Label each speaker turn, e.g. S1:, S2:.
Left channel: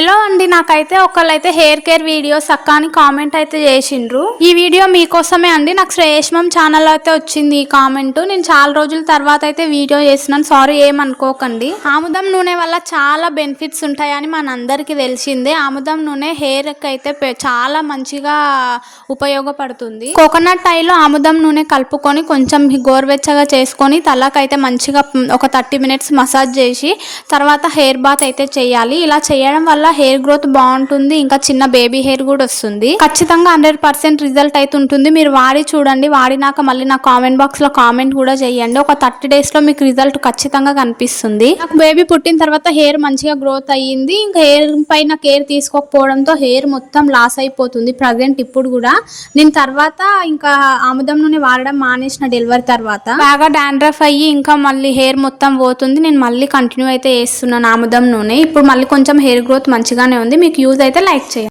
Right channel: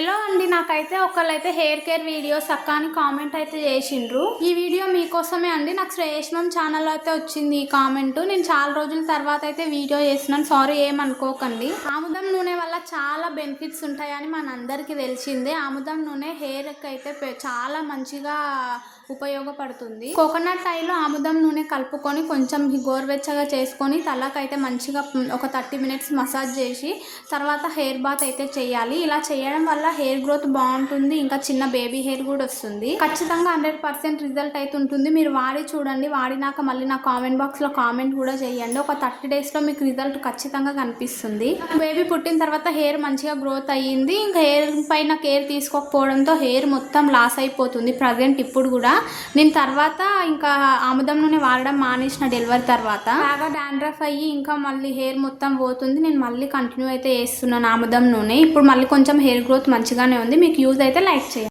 S1: Hello అండి నాకైతే ఒకళ్ళైతే hair care videos అక్క అని కామెంట్ అయితే చేసిండ్రు. ఈ వీడియో మీకోసమే అండి నాకు శ్రేష్మం ఛానల్ అయితే వచ్చింది ఈ కామెంట్ నేను చాలా రోజుల తర్వాత అయితే వీడియో చేసినాను సారీ ఏమనుకోకండి. ఆముదం నూనె వల్ల చాలా బెనిఫిట్స్ ఉంటాయని మనందరికీ తెలిసిందే. ఆముదం నూనె హెయిర్కి అయితే చాలా మంచిగా ఉపయోగపడుతుంది. కోకోనట్ ఆయిల్ ఆముదం నూనె కలుపుకొని కొంచెం గోరువెచ్చగా చేసుకొని తలకైతే మంచిగా ఒక థర్టీ మినిట్స్ మసాజ్ చేసి తర్వాత హెయిర్ బాత్ అయితే చేయాలి. ఇలా చేయడం వల్ల హెయిర్ గ్రోత్ బాగుంటుంది ఇంకా చిన్న బేబీ హెయిర్ కూడా వస్తుంది. ఖచ్చితంగా హండ్రెడ్ పర్సెంట్ రిజల్ట్ అయితే ఉంటుంది. మీరు వాడి చూడండి వాడినాక మళ్ళీ నా కామెంట్ బాక్స్లో కామెంట్ కూడా చేయండి. ఒక థర్టీ డేస్లో మీకు రిజల్ట్ ఖచ్చితంగా కనిపిస్తుంది. నాకు బేబీ పుట్టిన తర్వాత హెయిర్ మంచిగా గ్రోత్ అయ్యింది. ఇంకా హెయిర్ పైన కేర్ తీసుకోకపోవడంతో హెయిర్ మొత్తం లాస్ అయిపోతుంది ప్రజెంట్ ఇప్పుడు కూడా. నేను తర్వాత ఇంకా ఆముదం నూనె వాడడం మానేసిన డెలివరీ తర్వాత. బాగా డాండ్రఫ్ అయ్యి ఇంకా మళ్ళీ హెయిర్ మొత్తం పోతుంది. నేను మళ్ళీ కంటిన్యూ అయితే చేస్తున్నాను ఆముదం నూనె. ఇప్పుడు మళ్ళీ కొంచెం హెయిర్ గ్రోత్ మంచిగానే ఉంది. మీకు యూజ్ అయితే లైక్ చేయండి.